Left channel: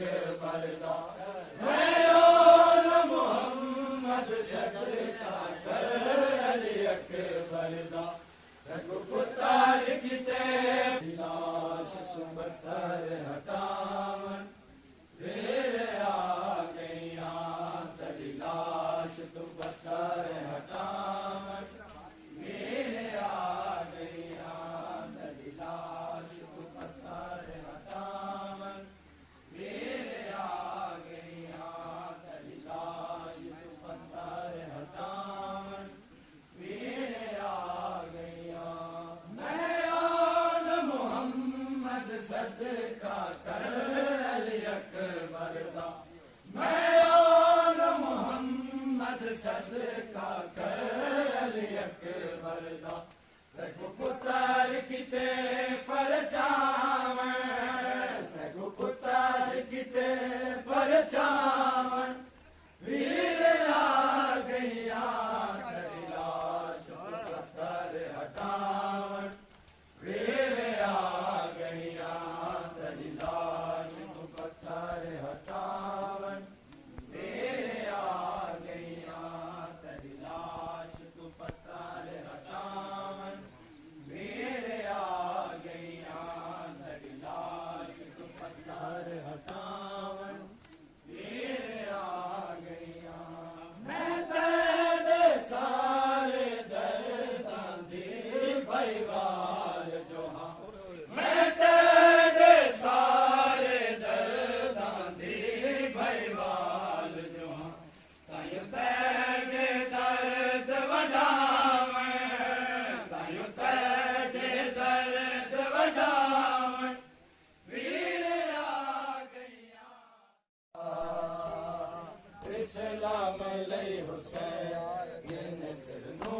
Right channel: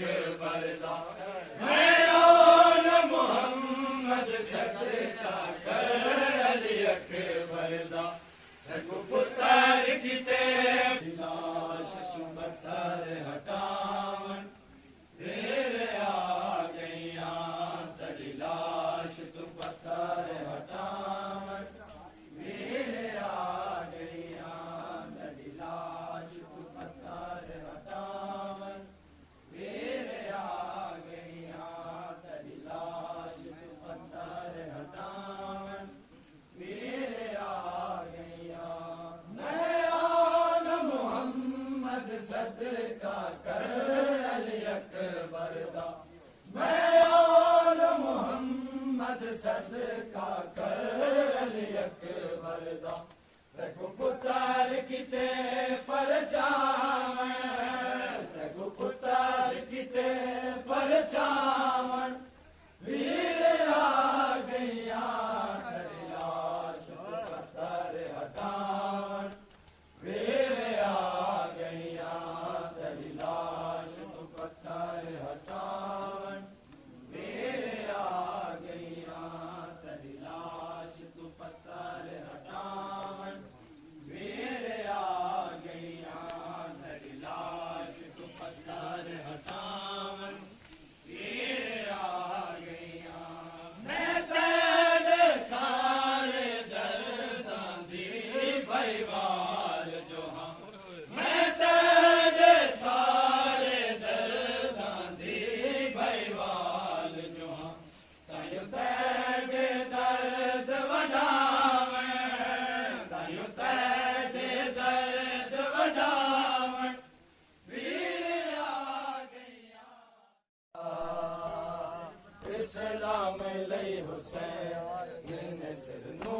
अकबर दा मैदान मोहम्मद सदका कर अली अकबर दा पुतार किते लाश सुबतर हटावन देर आ गईया तड़ी लाश सुबतर हटावन देर आ गईया तड़ी लाश सुबतर हटावन देर आ गईया तड़ी लाश सुबतर हटावन देर आ सदका कर अली अकबर दा मैदान मोहम्मद सदका कर अली अकबर दा तगु पुतार किते परचावन तगु पुतार किते परचावन वीर आ गईया तड़ी लाश सुबतर हटावन वीर आ गईया तड़ी लाश सुबतर हटावन वीर आ गईया तड़ी लाश सुबतर हटावन वीर आ गईया तड़ी लाश सुबतर हटावन वीर आ गईया मैं तेरे सारे दर्दां दी भईवाल जो हां मैं तेरे सारे दर्दां दी भईवाल जो हां तायो तेरे दर्द वडावन तायो तेरे दर्द वडावन वीर आ गईया इस्लाम लई हुसैन ने सिर नू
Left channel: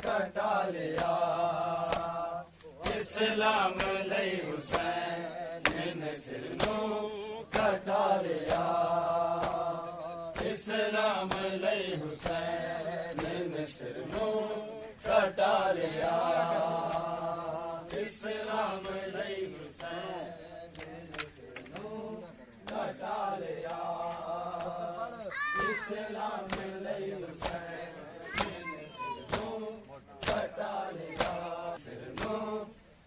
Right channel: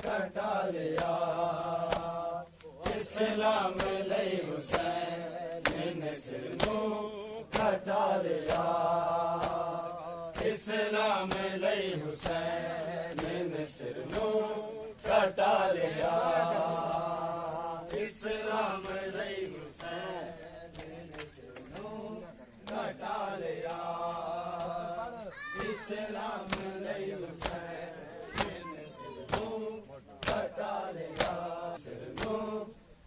कटा लिया इस्लाम लई हुसैन ने सिर नू कटा लिया इस्लाम लई हुसैन ने सिर नू कटा लिया इस्लाम लई हुसैन ने सिर नू कटा लिया इस्लाम लई हुसैन ने सिर नू कटा लिया सिर नू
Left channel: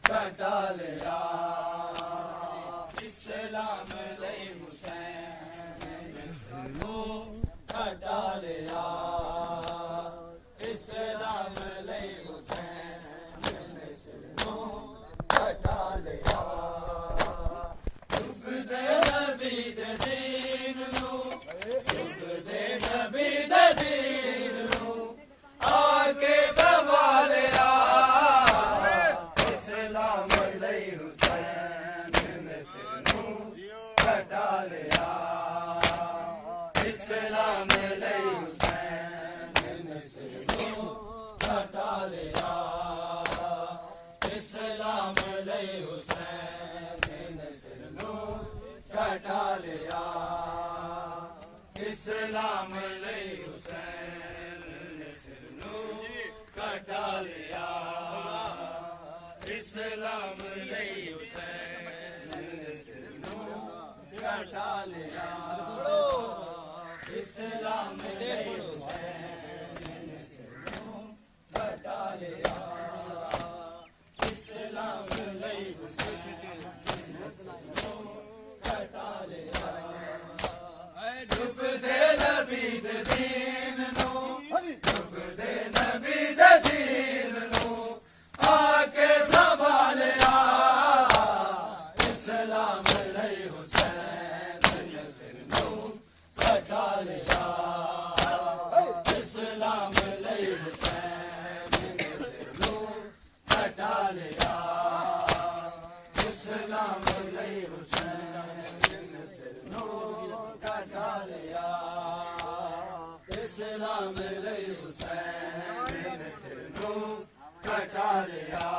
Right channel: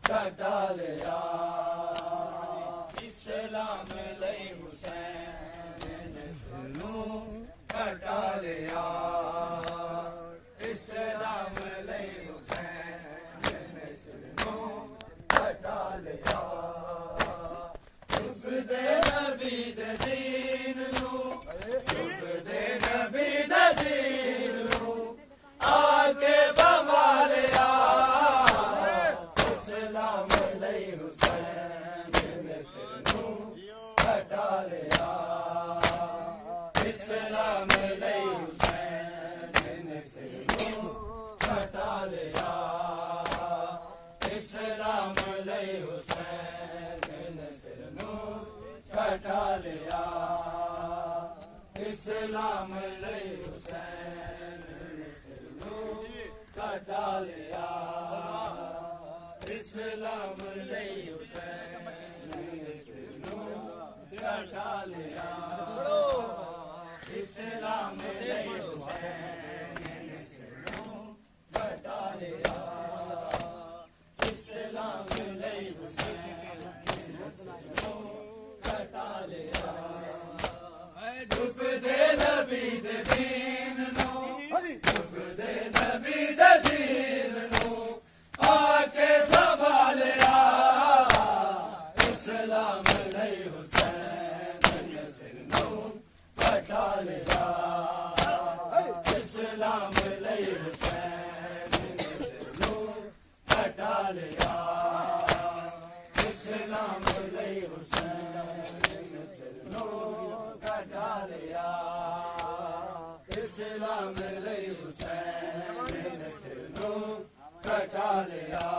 कटा लिया इस्लाम लई हुसैन ने सिर नू कटा लिया इस्लाम लई हुसैन ने सिर नू कटा लिया चुप दे नबी दे दीन नू चुप दे नबी दे दीन नू आके संभालिया इस्लाम लई हुसैन ने सिर नू कटा लिया इस्लाम लई हुसैन ने सिर नू कटा लिया इस्लाम लई हुसैन ने सिर नू कटा लिया इस्लाम लई हुसैन ने सिर नू कटा लिया इस्लाम लई हुसैन ने सिर नू कटा लिया इस्लाम लई हुसैन ने सिर नू कटा लिया इस्लाम लई हुसैन ने सिर नू कटा लिया डुब दे नबी दे दीन नू डुब दे नबी दे दीन नू आके संभालिया इस्लाम लई हुसैन ने सिर नू कटा लिया इस्लाम लई हुसैन ने सिर नू कटा लिया इस्लाम लई हुसैन ने सिर नू कटा लिया इस्लाम लई हुसैन ने सिर नू कटा लिया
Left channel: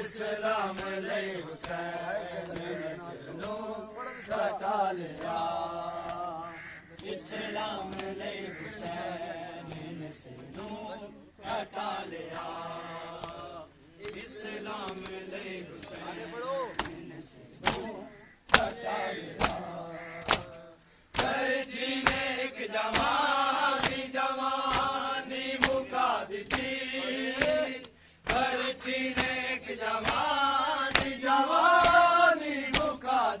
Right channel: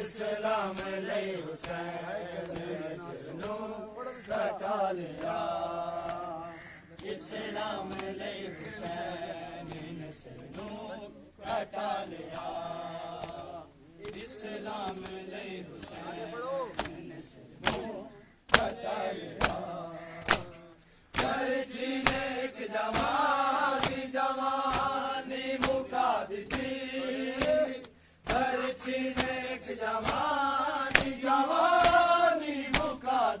इस्लाम लई हुसैन ने सिर नू कटा लिया इस्लाम लई हुसैन ने सिर नू कटा लिया इस्लाम लई हुसैन ने सिर नू कटा लिया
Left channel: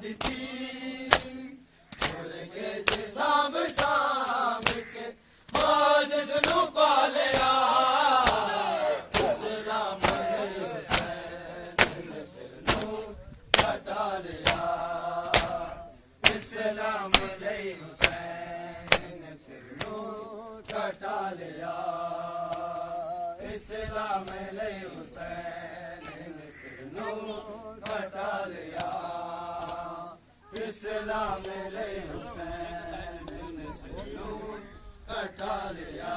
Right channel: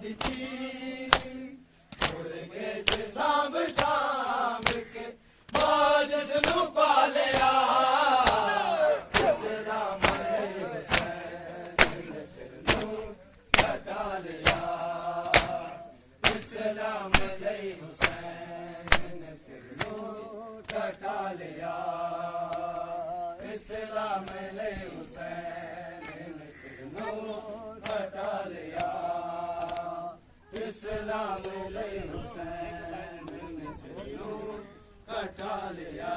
ਦਿੱਤੀ ਕੇ ਜੇ ਸਾਂਭ ਸਾਂਭ ਕੇ ਬਾਜਸ ਨੂੰ ਪਾਲਿਆ ਇਸਲਾਮ ਦੇ ਹੁਸੈਨ ਨੇ ਸਿਰ ਨੂੰ ਕਟਾ ਲਿਆ ਇਸਲਾਮ ਦੇ ਹੁਸੈਨ ਨੇ ਸਿਰ ਨੂੰ ਕਟਾ ਲਿਆ ਇਸਲਾਮ ਦੇ ਹੁਸੈਨ ਨੇ ਸਿਰ ਨੂੰ ਕਟਾ ਲਿਆ इस्लाम ले हुसैन ने सिर कटा लिया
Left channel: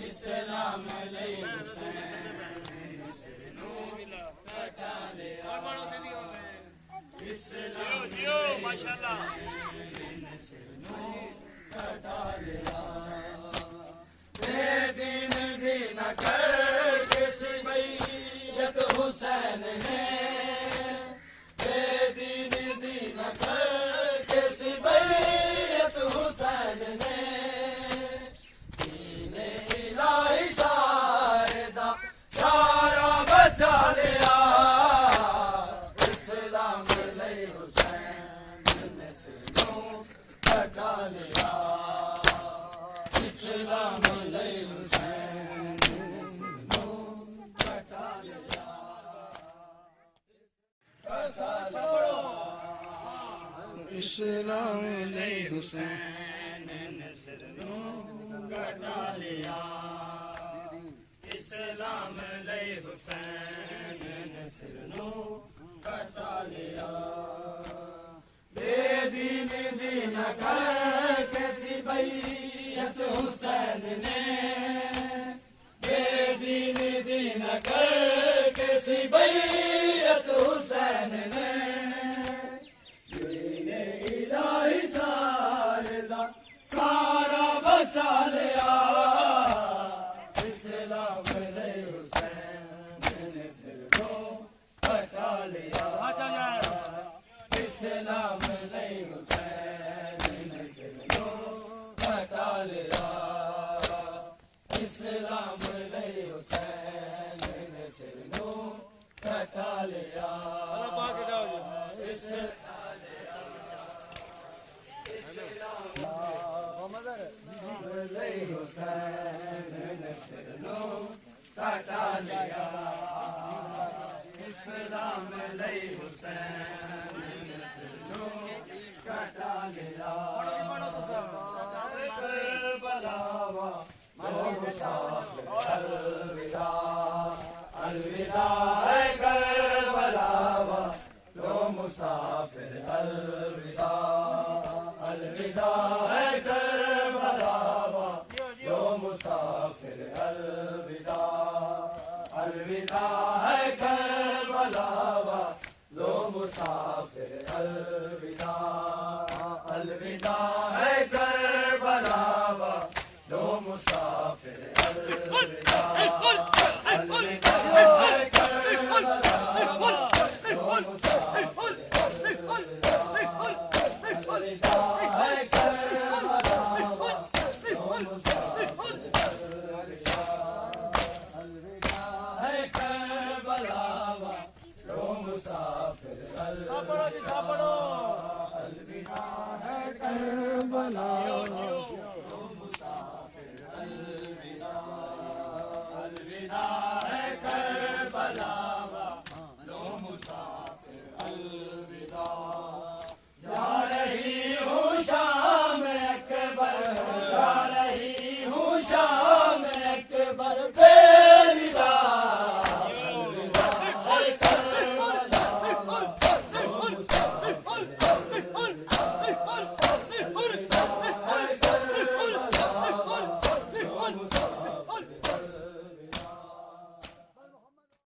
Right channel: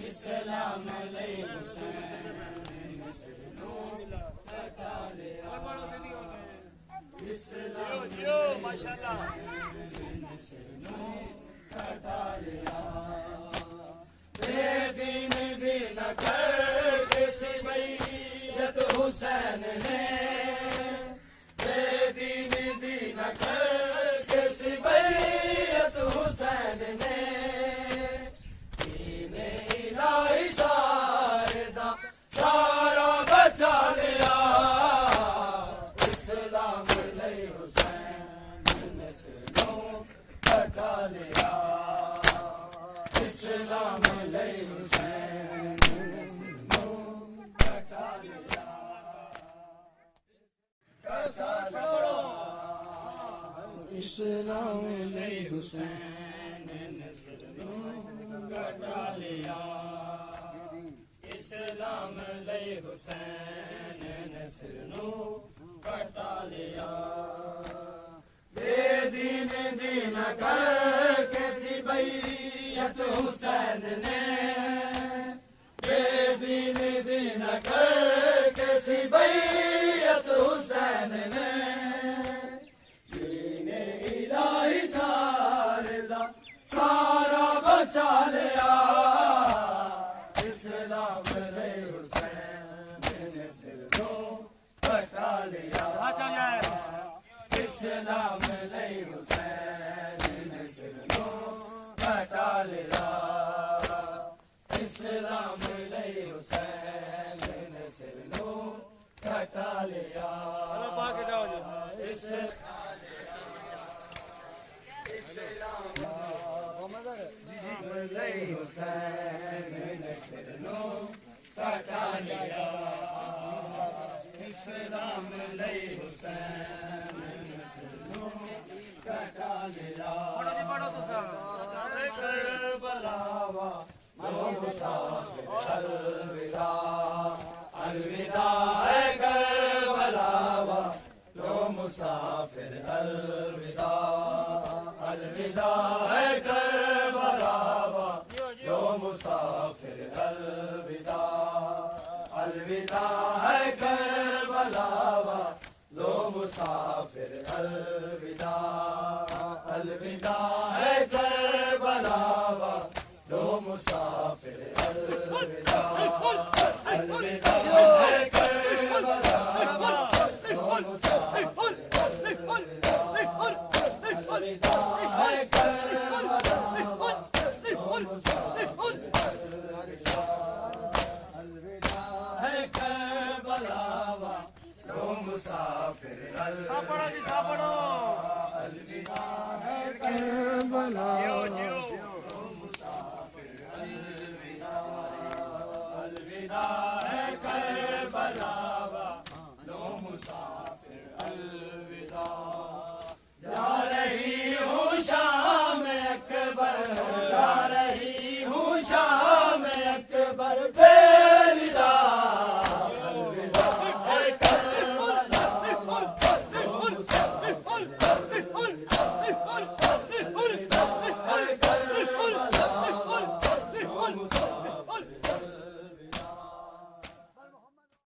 इस्लाम ले हुसैन ने सिर कटा लिया इस्लाम माशाअल्लाह ने सिर कटा लिया दिन दिन कर के सिबैयत हुसैन ने हुसैन ने दीने इलाही सारे दा सारा बचा लिया इस्लाम ले हुसैन ने सिरों कटा लिया इस्लाम ले हुसैन ने सिरों कटा लिया इस्लाम ले हुसैन ने सिर कटा लिया इस्लाम ले हुसैन ने सिर कटा लिया दीन दीन कर के सिबैयत हुसैन ने दीन दीन कर के सिबैयत हुसैन ने सारा बचा लिया इस्लाम ले हुसैन ने सिर कटा लिया इस्लाम ले हुसैन ने सिर कटा लिया इस्लाम ले हुसैन ने सिर कटा लिया हुसैन ने सिर कटा लिया इस्लाम ले हुसैन ने सिर कटा लिया करबलावा लो मुसाफिर अलविदा अलविदा है करबलावा लो मुसाफिर अलविदा अलविदा है करबलावा लो मुसाफिर अलविदा अलविदा है करबलावा लो मुसाफिर अलविदा अलविदा है करबलावा लो मुसाफिर अलविदा अलविदा है करबलावा लो मुसाफिर अलविदा अलविदा है करबलावा लो मुसाफिर अलविदा अलविदा है करबलावा लो मुसाफिर अलविदा अलविदा है करबलावा